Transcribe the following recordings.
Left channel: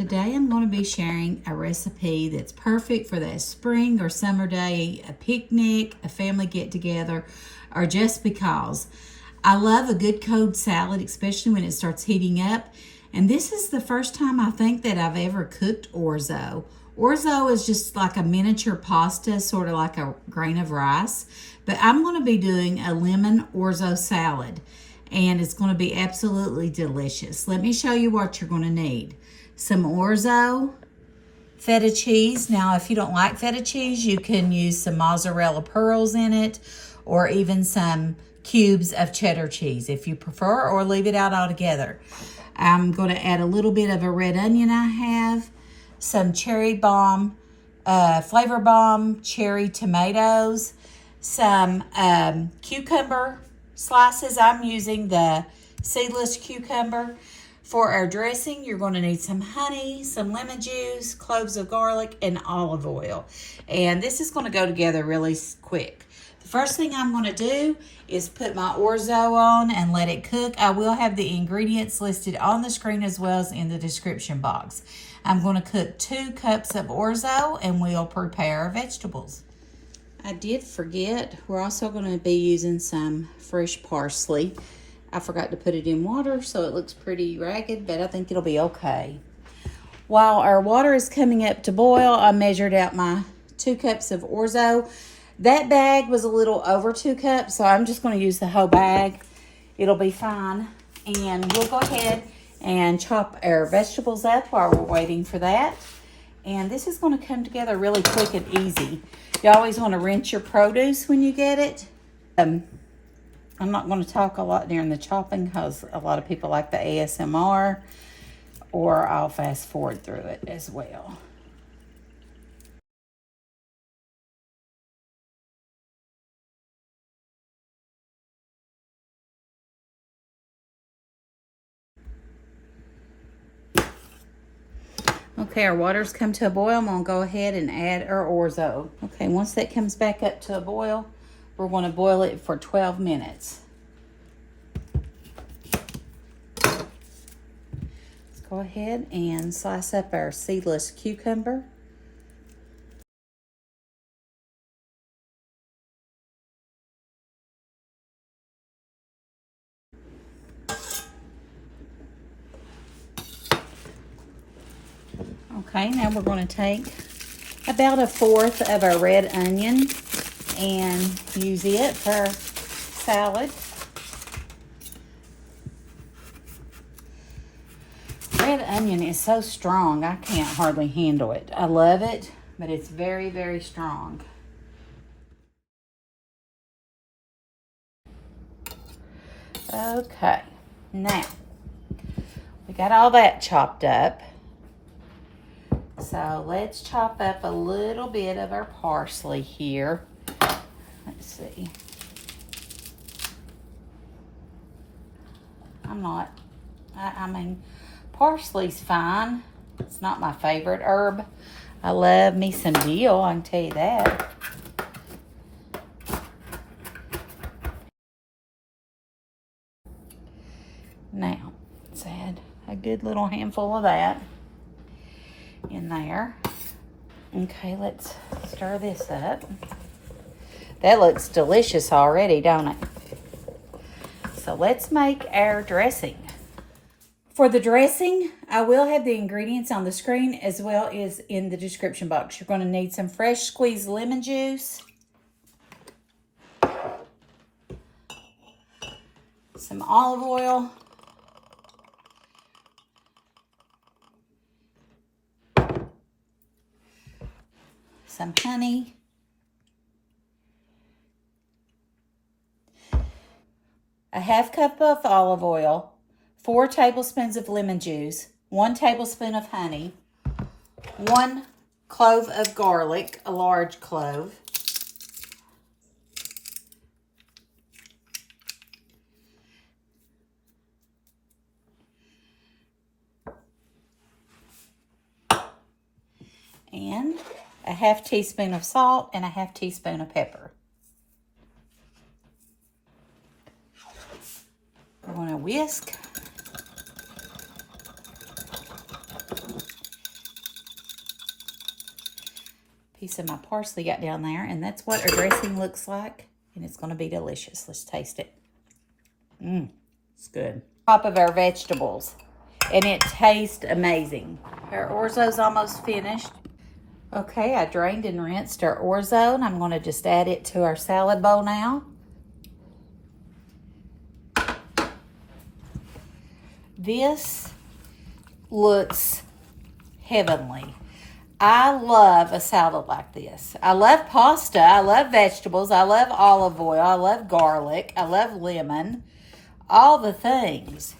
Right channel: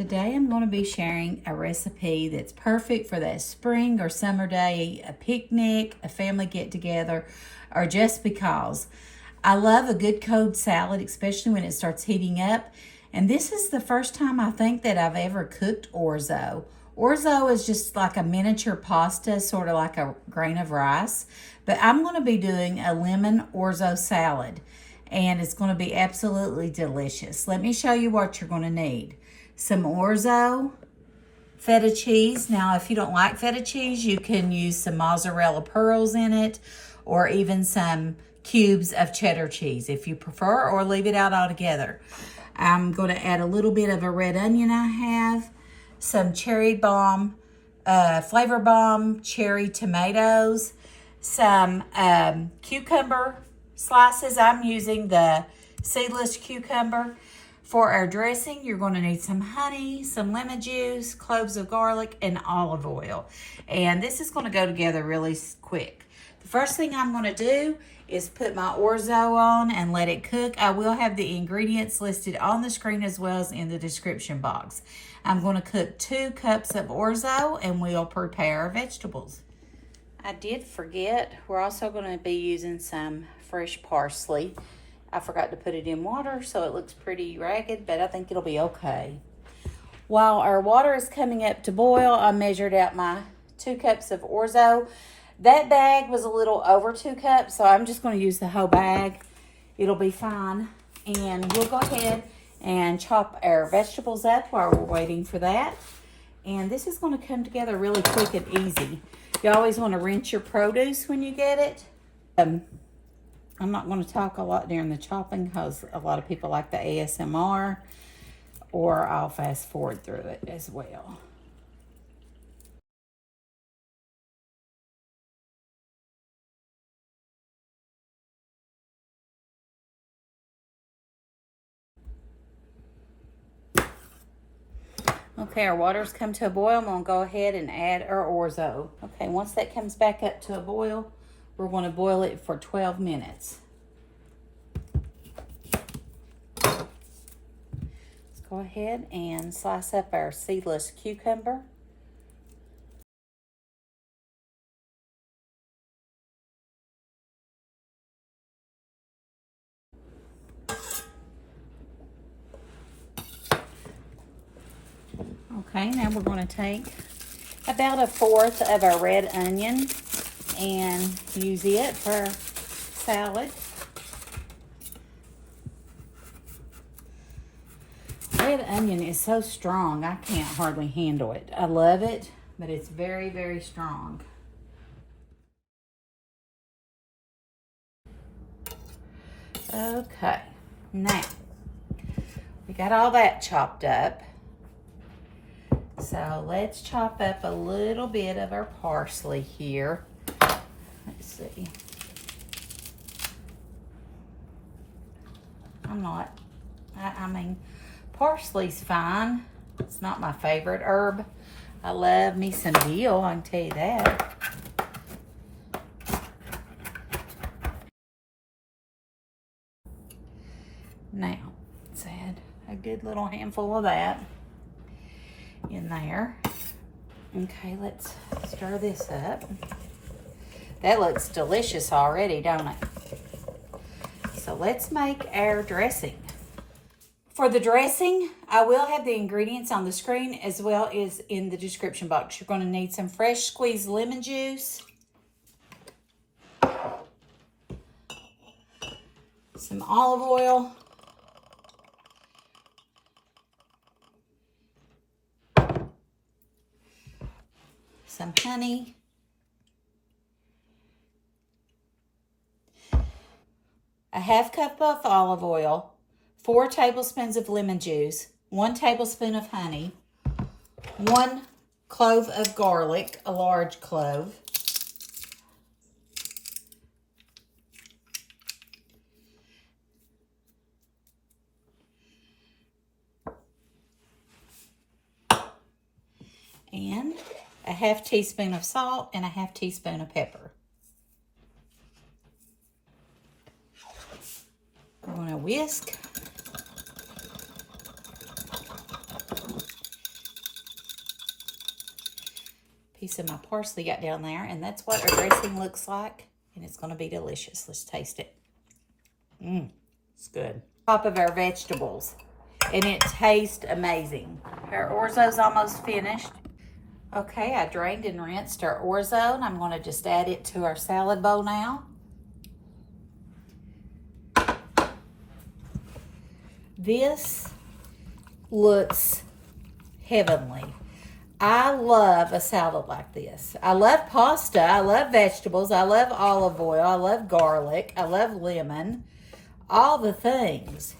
Today I'm going to be sharing a recipe that's perfect for that spring or summer day, a picnic, a family get-together, or just because. I love a good cold salad, especially when it starts heating up. And this is the first time I think that I've ever cooked orzo. Orzo is just like a miniature pasta, sort of like a grain of rice. But I'm going to be doing a lemon orzo salad. And it's going to be absolutely delicious. Let me show you what you're going to need. Some orzo, feta cheese. Now, if you don't like feta cheese, you can use some mozzarella pearls in it, or even some cubes of cheddar cheese if you prefer, or leave it out altogether. I'm going to add a little bit of a red onion I have, some cherry bomb, flavor bomb cherry tomatoes, some cucumber slices. I'm using the seedless cucumber. For our dressing, you're going to need some honey, some lemon juice, cloves of garlic, and olive oil. And this is going to go together really quick. The first thing I'm going to do is put my orzo on and let it cook. I will have the ingredients listed on the screen as well as in the description box. I'm going to cook 2 cups of orzo and we'll prepare our vegetables. I did forget, we're also going to be using some fresh parsley. I forgot to put it in water, so it looks pretty ragged, but I think it'll be okay. While our water is coming up to boil, I measured out my 2 cups of orzo. That bag was a little over 2 cups, so I'm just going to use the whole bag. It'll be fine. And we'll go ahead and chop our vegetables up while we're waiting for that. And this is going to come together really quick and easy. You always want to rinse your produce when you get it. I'm not going to talk a lot during the chopping because a lot of people like the ASMR, or I'll fast forward through it as well. Okay, our water's come to a boil. I'm going to go ahead and add our orzo. Okay, once that comes back up to a boil, we're going to boil it for 12 minutes. Let's go ahead and slice up our seedless cucumber. Okay, now we're going to take about 1/4 of our red onion and use it for salad. Red onion is so strong, I can't hardly handle it. I love it, but it's very, very strong. Okay, now we got all that chopped up. So let's chop up a little bit of our parsley here. Let's see. I mean, parsley's fine. It's not my favorite herb. I love me some dill, I can tell you that. Now, let's add a good little handful of that in there. Okay, let's stir this up. That looks delicious already, don't it? So let's make our dressing. For the dressing, I will have the ingredients on the screen as well as in the description box. You're going to need some fresh squeezed lemon juice, some olive oil, some honey, a 1/2 cup of olive oil, 4 tablespoons of lemon juice, 1 tablespoon of honey, 1 clove of garlic, a large clove, and a 1/2 teaspoon of salt and a 1/2 teaspoon of pepper. We're going to whisk. piece of my parsley got down there, and that's what our dressing looks like, and it's going to be delicious. Let's taste it. It's good. Top of our vegetables, and it tastes amazing. Our orzo's almost finished. Okay, I drained and rinsed our orzo, and I'm going to just add it to our salad bowl now. This looks heavenly. I love a salad like this. I love pasta. I love vegetables. I love olive oil. I love garlic. I love lemon. All the things.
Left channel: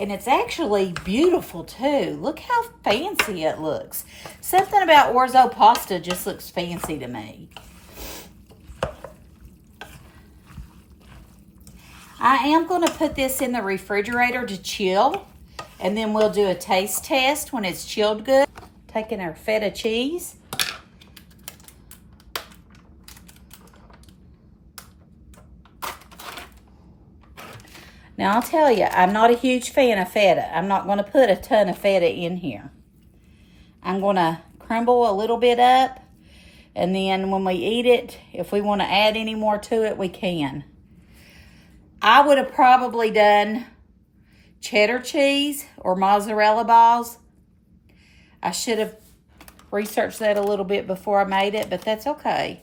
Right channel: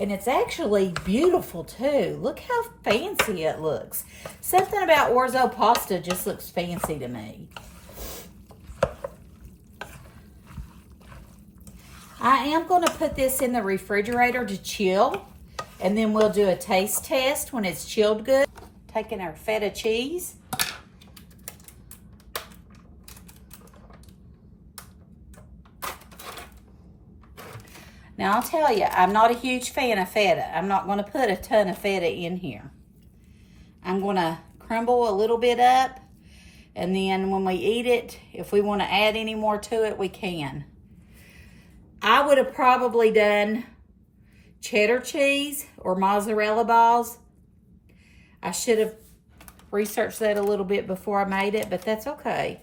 And it's actually beautiful too. Look how fancy it looks. Something about orzo pasta just looks fancy to me. I am going to put this in the refrigerator to chill. And then we'll do a taste test when it's chilled good. Taking our feta cheese. Now, I'll tell you, I'm not a huge fan of feta. I'm not going to put a ton of feta in here. I'm going to crumble a little bit up, and then when we eat it, if we want to add any more to it, we can. I would have probably done cheddar cheese or mozzarella balls. I should have researched that a little bit before I made it, but that's okay.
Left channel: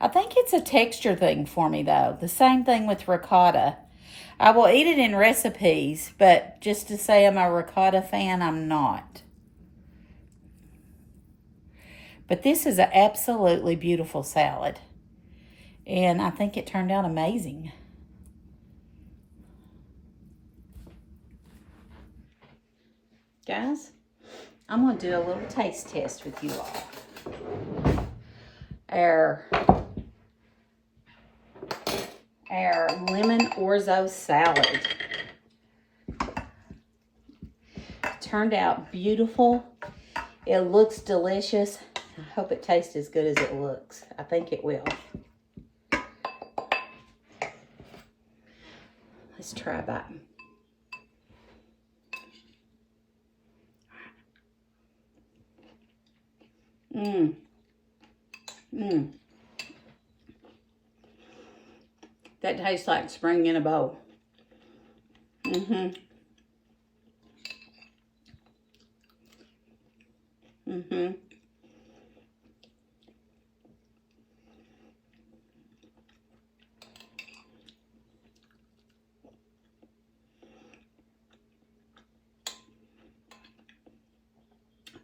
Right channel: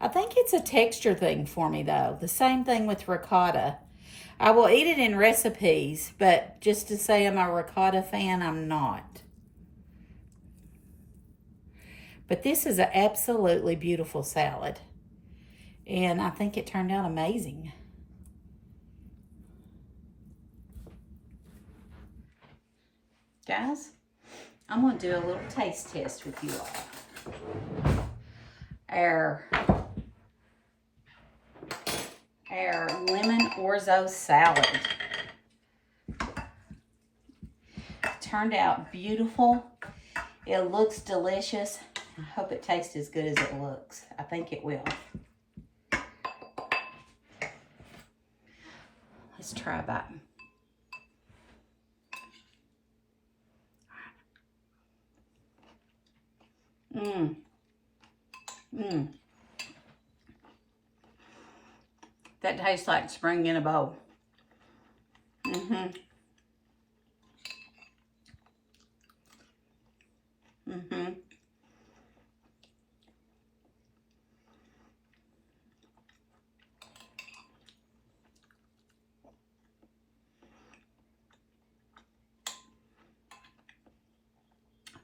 I think it's a texture thing for me, though. The same thing with ricotta. I will eat it in recipes, but just to say I'm a ricotta fan, I'm not. But this is an absolutely beautiful salad. And I think it turned out amazing. Guys, I'm going to do a little taste test with you all. Our lemon orzo salad turned out beautiful. It looks delicious. I hope it tastes as good as it looks. I think it will. Let's try a bite. That tastes like spring in a bowl.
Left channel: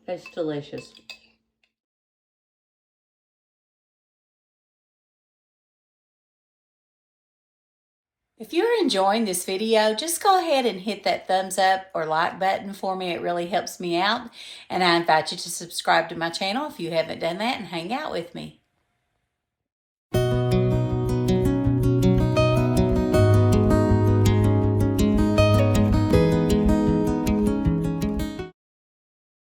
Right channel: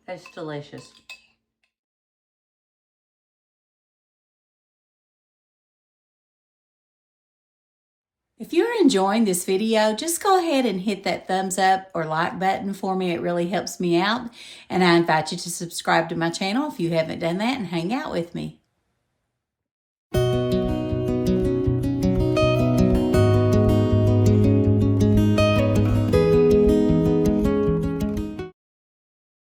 That's delicious. If you're enjoying this video, just go ahead and hit that thumbs up or like button for me. It really helps me out. And I invite you to subscribe to my channel if you haven't done that and hang out with me.